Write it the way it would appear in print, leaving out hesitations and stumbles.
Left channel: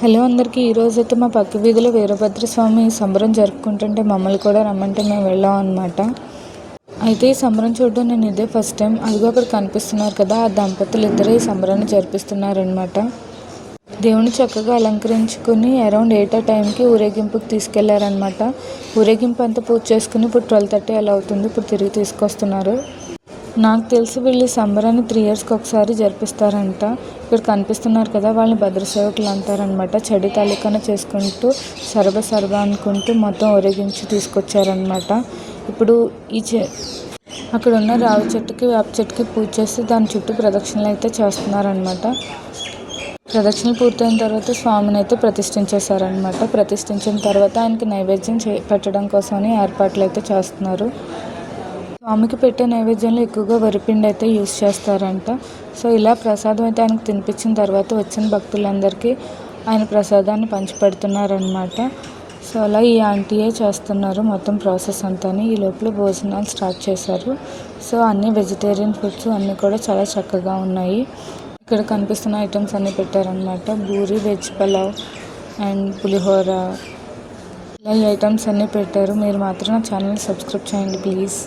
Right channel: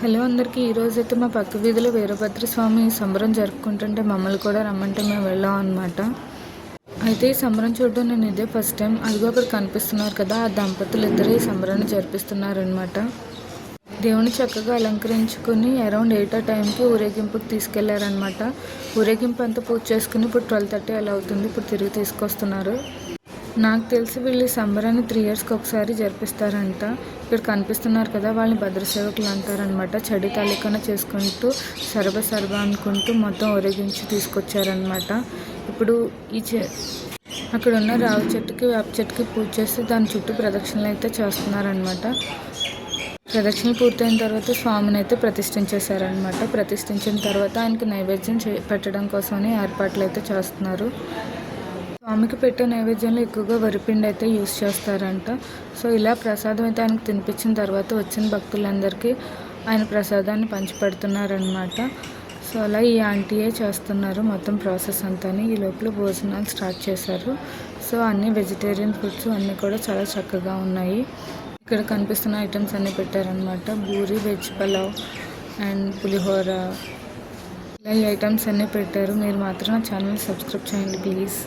Hello అందరికీ. ఈరోజైతే మా పక్క వీధిలో వీరభద్రస్వామి సంబరం జరుపుకుంటుంటే మమ్మల్ని కూడా రమ్మంటే మేము వెళ్ళాం అనమాట. అయితే ఈ సంబరం చూడడం నేను ఇదే ఫస్ట్ టైం. అదిగో అక్కడ కనిపిస్తున్నారు కదా, ఆ దంపతులు ఇద్దరే ఈ సంబరాన్ని జరిపిస్తున్నారనమాట. దేవుని చక్కగా అలంకరించుకుని అరౌండ్ 8 ఆ టైంకి ఊరేగింపుకి తీసుకెళ్లారనమాట. ఊరేగింపు అంతా పూజ చేసుకుని ఇప్పుడు 12:30 అలా అవుతుంది. ఇప్పుడు తిరిగి తీసుకొస్తున్నారు. నాకు తెలిసి వీళ్ళు సంబరాన్ని 3 ఇయర్స్కి ఒకసారి జరిపిస్తారంట. ఇక్కడ కనిపిస్తున్నారు కదా, వాళ్ళని భద్రసేవకులు అంటారనమాట. చడి తాలూకాన చేసుకుంటూ సరబ అనుకుంటూ మొత్తం ఊరేగించి తీసుకొచ్చారనమాట. ఇప్పుడు అక్కడ ఉన్న రావి చెట్టుకి వేప చెట్టుకి పూజ చేసి దాని చుట్టూ ప్రదక్షిణలు అయితే చేస్తున్నారనమాట. ప్రదక్షిణలు పూర్తయిన తర్వాత స్వామిని అయితే ప్రతిష్ఠించేశారనమాట. ప్రతిష్ఠించిన తర్వాత ఆయనకి నైవేద్యం పెట్టడం కోసమని ఏర్పాట్లు అయితే చేస్తున్నారు. స్వామికి పెట్టే నైవేద్యంలో ఎక్కువగా వరిపిండి అయితే యూస్ చేస్తారంట. సో ఇలా ప్రసాదం అయితే ఆయనకు తినిపించిన తర్వాత వచ్చిన భక్తులందరికీ ఆయన ప్రసాదాన్ని పంచిపెడుతున్నారనమాట. సో అలా ఈ ఆంటీయే చేస్తున్నారు మొత్తం ప్రాసెస్ అంతా. ఈ లోపల భోజనాలు స్టార్ట్ చేశారు. సో అన్ని వెజిటేరియన్ ఫుడ్స్ అన్నీ కూడా చాలా చక్కగా ఉన్నాయి. ఇక్కడ కనిపిస్తున్న ఐటమ్స్ అన్నీ పెట్టారనమాట. పూరి, వెజ్ పలావ్ అండ్ పులిహోర, ఇలా ఈ ఐటమ్స్ అన్నీ పెట్టారు. మీరు మాత్రం నా ఛానల్ సబ్స్క్రైబ్ చేయండి ప్లీజ్.